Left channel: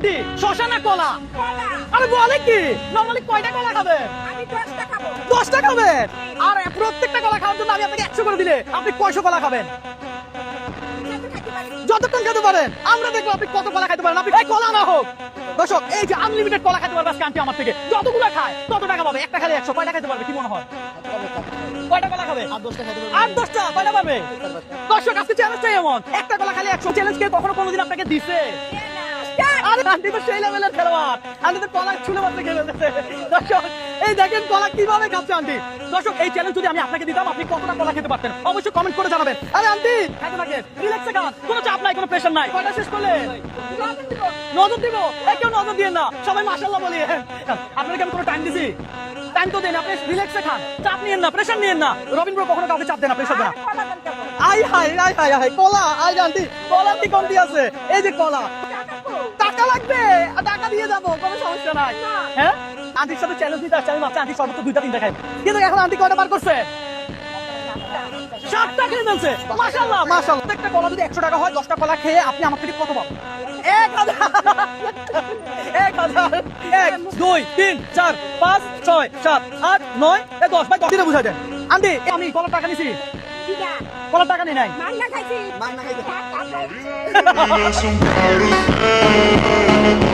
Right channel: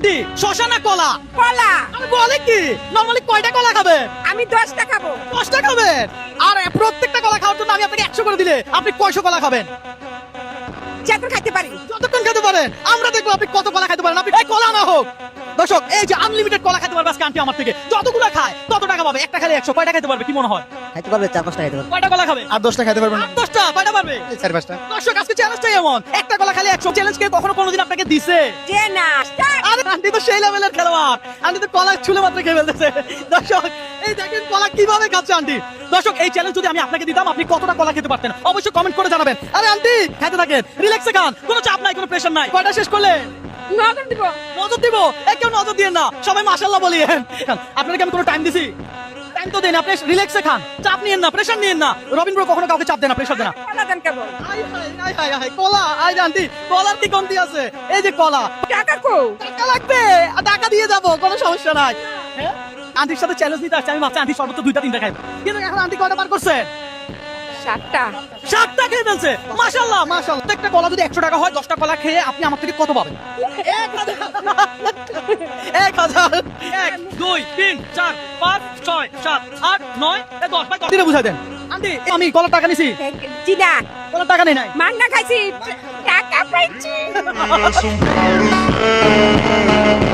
Aunty শশা না কলা? কলা। আমি বলি কি নরমালি কয়টা কলা খাবে? আমি 10টা খাবো। 10টা খাবে? আর প্রত্যেকটা কলা খাওয়ার জন্য আমি আপনাকে 100 করে দিলে আপনি কয়শো কলা খাবেন? যত খাইতে পারি। যতক্ষণ খেতে পারেন। আমরা দেখবো আপনি কত কলা খেতে পারেন। আপনি এই কলা না হোক দর্শক, এই যে আনলিমিটেড কলা খেতে পারবে আজকে আন্টি আমার থেকে। যতগুলো খায় তত টাকা পাবে। একটা খেলে 100, কয়টা খেতে পারবে কি মনে হয়? খাইতে পারবে 4-5টা খাইতে পারবে। কয়টা কলা খাবে? আর 10টা খাইতে পারবেন? 8-10টা কয়টা পারবে? 4-5টা। দর্শক আজকে চ্যালেঞ্জটাই এমন, একটা কলা খালি 100। চ্যালেঞ্জ কে কখনো কোনোদিন আপনাকে দিছে? যে না। আরে আন্টি তো সেই লেভেলের খেলোয়াড়, আন্টি তো কলা ছুলে মাত্র খেয়ে ফেলতেছে। দর্শক এই দেখেন কলা কিভাবে খাচ্ছে আন্টি। দর্শক এই চ্যালেঞ্জ যদি আমি আপনাকে দিতাম আপনি কতটা কলা খেতে পারতেন অবশ্যই কমেন্ট করে জানাবেন। আরে আন্টি খেতে থাকেন, রিল্যাক্সে খান, কোনো চাপ নাই, কোনো প্রেশার নাই। কয়টা শেষ করলে? নজর দিব। নজর দিব? কেউ নজর দিয়ে না, সবাই মাশাআল্লাহ বলিয়েন। আপনাকে আমি কোনো টাইম দিছি? টাইম তো দেন, আপনি রিল্যাক্সে খান, চাপ নিয়েন না, প্রেশার নিয়েন না। রবিন ব্রো কখনো কাউকে চাপ দেন না, প্রেশার দেন না। কলা দেন কেমন? I hi I high high কলা, আই আন্টি কলার কি কমতি আছে? এই যে কলা, টাকা কো। টাকা লাগবে, টাকা দিয়ে যাবো, কোনো সমস্যা নাই। হ্যাঁ আন্টির সাথে চ্যালেঞ্জ নিতে আসছে, আমি ভাবছি আন্টি সর্বোচ্চ 2টা-3টা খাই, কিন্তু এখন আন্টি কয়টা বার করছে? 7টা। 7টা খেয়ে ফেলছে। মাশাআল্লাহ মাশাআল্লাহ। একটা কলা যদি 100 টাকা হয়, 10টা কলা খেয়ে আপনি আমার থেকে কত পাবেন? 1000। 1000। 1 2 3 4 5 6 7 8 9 10 ভাই 10 দিনে বুঝাই দেন। আন্টি আমি কলার টাকা নিছি? চিনা। কলার টাকা নেই নাই? মাংনা খাইছি। টাকা পাইছি। Some powder.